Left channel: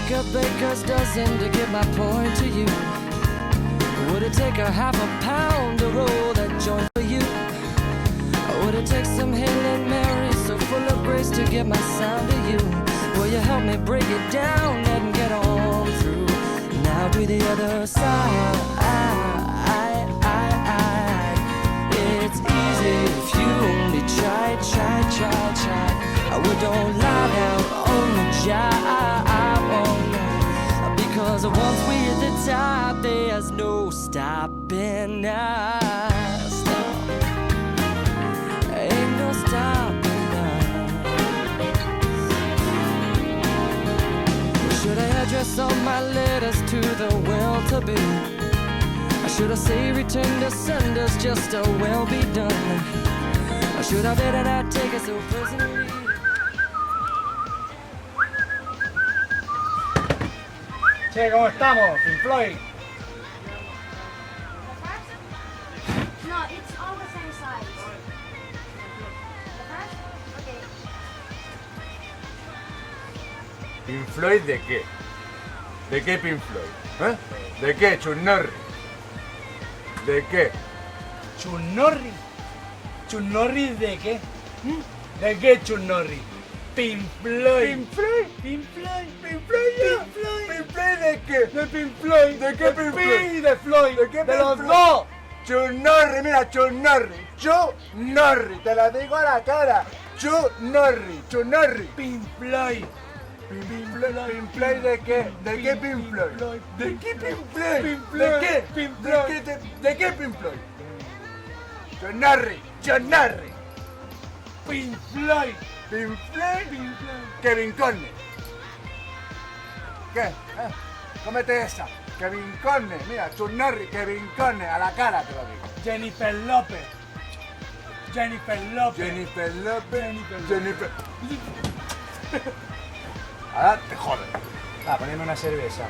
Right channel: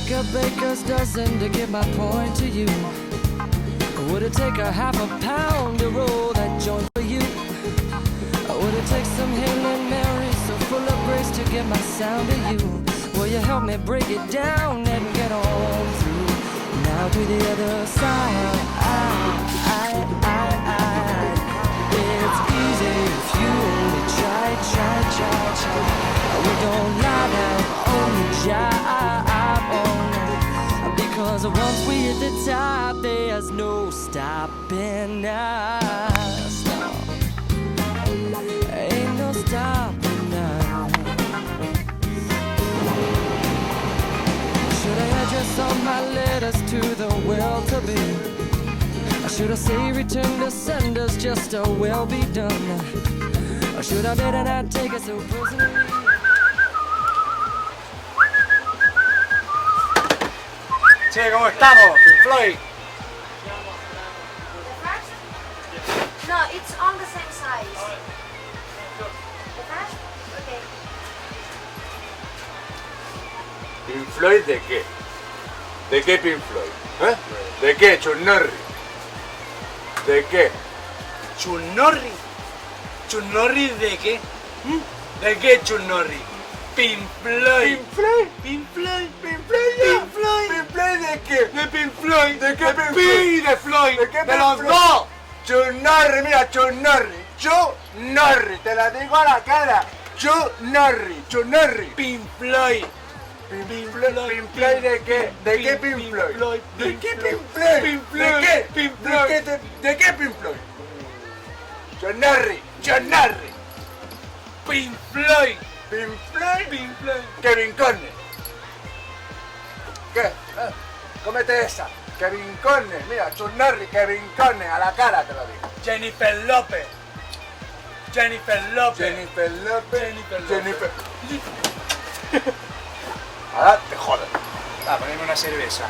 take a baker's dozen to get my point to you? Would it take a half a pound to roll that joint for you? Would it take some Hail and Mary so full of grace to get my sound to you? Will you help me break it down and get on through? Now to the other side. It's easy if you only try. We don't lie down on the job, oh no. Because once we hit the top, there's no stopping us, no. Ain't no stopping us. Should I address all my letters to the well-to-be? Or should I say return to senders just a well be done? Or should I better not take it so personally? Che, ¿cómo estamos? Pimfloy. No, it's all the same size. ¿Pimfloy de qué? ¿De qué Pimfloy? ¿Eh? ¿De qué, Chunnorri? ¿De qué? ¿Chunnorri? ¿Chunnorri de qué? ¿De qué Chunnorri? Pimfloy. ¿Pimfloy? Pimfloy. ¿Pimfloy? Pimfloy. ¿Pimfloy de qué? De Pimfloy. ¿De qué de Pimfloy? Pi de Floyd. ¿De qué De los Pimfloy? dos. Chunnorri, mira, Chunnorri. Chunnorri, te la digo a la cara. Chunnorri, Chunnorri. Pimfloy. ¿Pimfloy de qué? ¿De qué Pimfloy? ¿De qué Pimfloy? Pimfloy. ¿De qué? Pimfloy. ¿De qué Pimfloy? Chunnorri, Chunnorri. Pimfloy. Pimfloy. Pimfloy. Kevin Conner. ¿Qué? Cómete esa. Kevin Conner, mira, Chunnorri, Kevin Conner, a la cara te lo digo. Jennifer López. Jennifer López. Jennifer López. Jennifer Jennifer. Ahora te jodes. Ah, poneme una cerveza.